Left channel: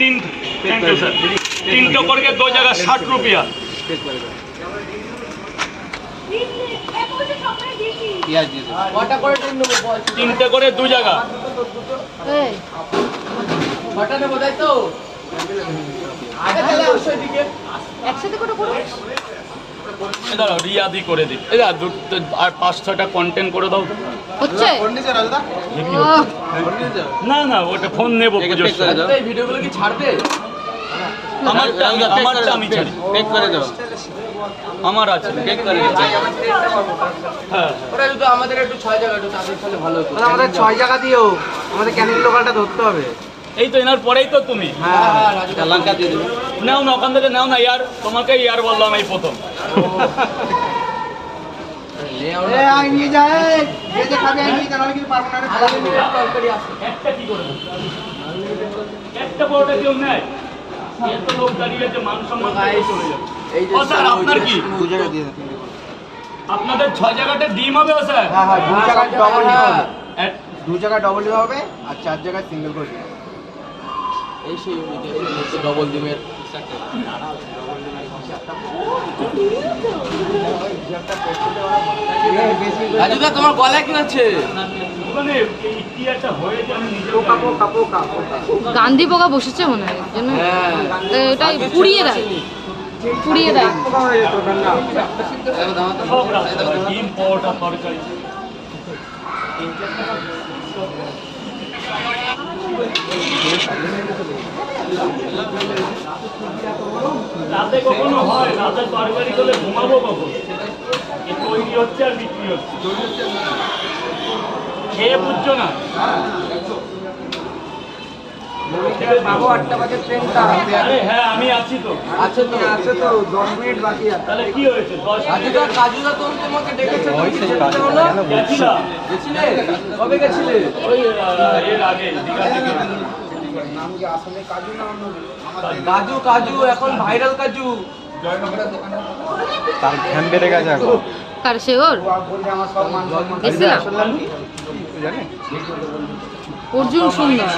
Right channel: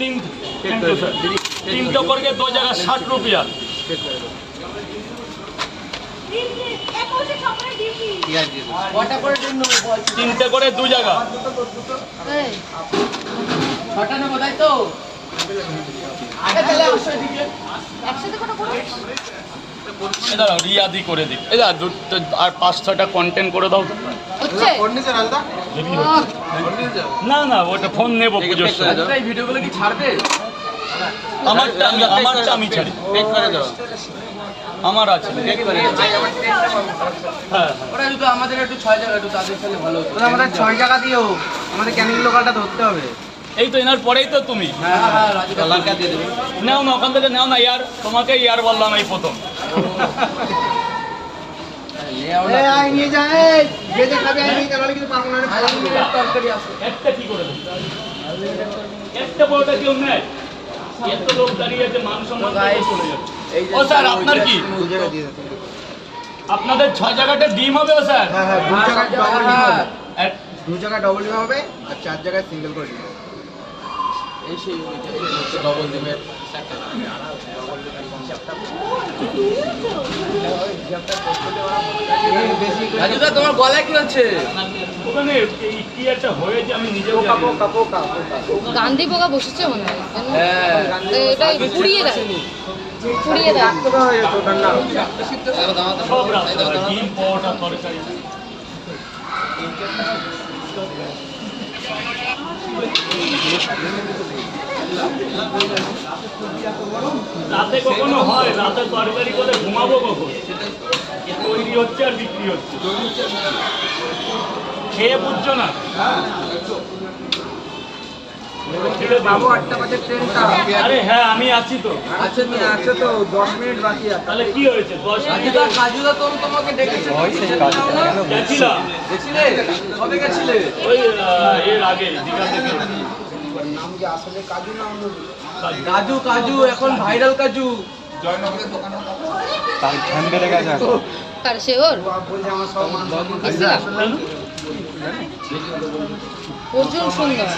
Thank you sir. 3 टोकर के 2 जगह 60 रुपया। তিনটে করে 2 জায়গা। দাঁড়াও রিয়াদি করে দিই। আর 5-6টা কন্টেন্ট করে দাও তো। না না ওটা ফোন নেবো পুজোর সময়। ভিডিওগুলো কি ছাড়বে? আমারটা আমি ছাড়ি। আমার আছে। হ্যাঁ ওটা যদি আমাদের একটু 6 জায়গা একটু তাদের সাথে ভালো হতো। আমাদের 6 জায়গা দিও, আমাদের ক্যানিং লোকালটা ধরতে হবে। এই তো এনার পরেই তো তুমি। হ্যাঁ লঙ্কা দিয়ে দিবি। নাও না ওখান থেকে নাও না ইয়ার, তোমাকে ইয়ার বললাম এই প্রথম। নিয়ে যায় যে যে খাবে আমি নিয়ে যাওয়ার কিন্তু পারবো না। একটা কি করে দেব? একটা বড়টা কেউ নেয়? এত লোক দাঁড়িয়ে আছে, মান সম্মান চলে যাবে। ও স্যার আপনার কি? 2 জায়গা দিয়ে দিন। আপনাদের 6 জায়গাটা ডিম হবে ও স্যার? হ্যাঁ হ্যাঁ 2 জায়গা ডবল হবে। এক 2 জায়গা ডবল হবে আর 4 জায়গায় সিঙ্গেল করে দিন। এই সেই ডবল ডিমের রাজুদা তোমার গলায় কি আছে? ওখানে কি একটা হয়েছে আমি নিজেও জানি না। গান্ধী পোকা বসেছে মনে হয় যেন। এটা পুড়িয়ে দেয়, পুড়িয়ে দেয়। সব রাস্তা ডিম পরোটা তরকারি। রাতে কখনো হয়? রাতে তরকারি করে ঘুমাবো কখন? তৈরি হচ্ছে আর বিক্রি হচ্ছে, খেয়ে বুঝছো না? বাবু 8টা বাজে ট্রেনটা। আরে হ্যাঁ আমি আছি তো। আচ্ছা তুমি আছে তো 10 মিনিট বাকি আছে। তাহলে কি হয়েছে? 10 মিনিট রাজুদা তোমাকে ডেকেছে। গেছিলাম। গেছিলে? কবে গেছিলে? ওই এর আগে দীঘা থেকে। নাম কি আসলে কাজু না অন্য? কাজু কাজু এখন ভাইরাল কাজু। তার ঘ্যাম বেড়ে গেছে এখন। কার সে ওর বলছে আমার সব মান সম্মান এসেছিলাম। অর্জুন সুন্দর,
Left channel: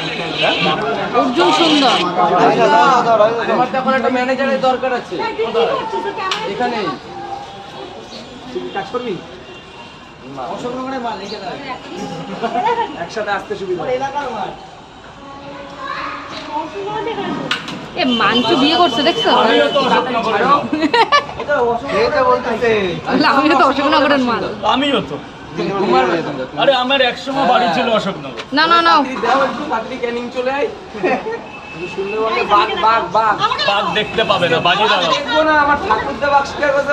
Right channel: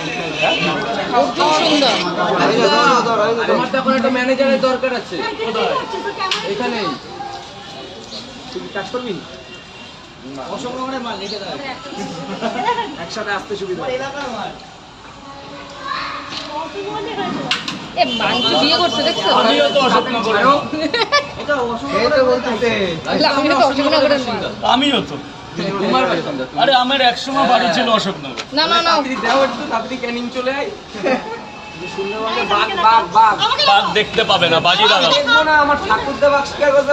অর্জুন সুন্দর। আমার তো এখন একটা ম্যানেজারের দরকার আছে এখানেই। তুই কাজ করবি? অসংখ্য করে মাল লিখে দাও। একসাথে আসতে সুবিধা। এ মানকি বিয়ে করছে দেখছো? আমিও তো অশোকনগরের মাল। এটা অসংখ্য করে বলতেছে। আমিও তো অশোকনগরের মাল। আমিও তো। আরে আমার একসময় বাড়ি ছিল অশোকনগর। না না না, তাড়াতাড়ি দাও একটু, তাড়াতাড়ি ক্যানিং চলে আয়। সুন্দর বলতে বাঘ বাঘ বাঘ। বাঘ দেখতে পাবে না, বাড়ি দাঁড়াও। দেখবো না আমার ঠাকুরদা বাঘ শিকার করতে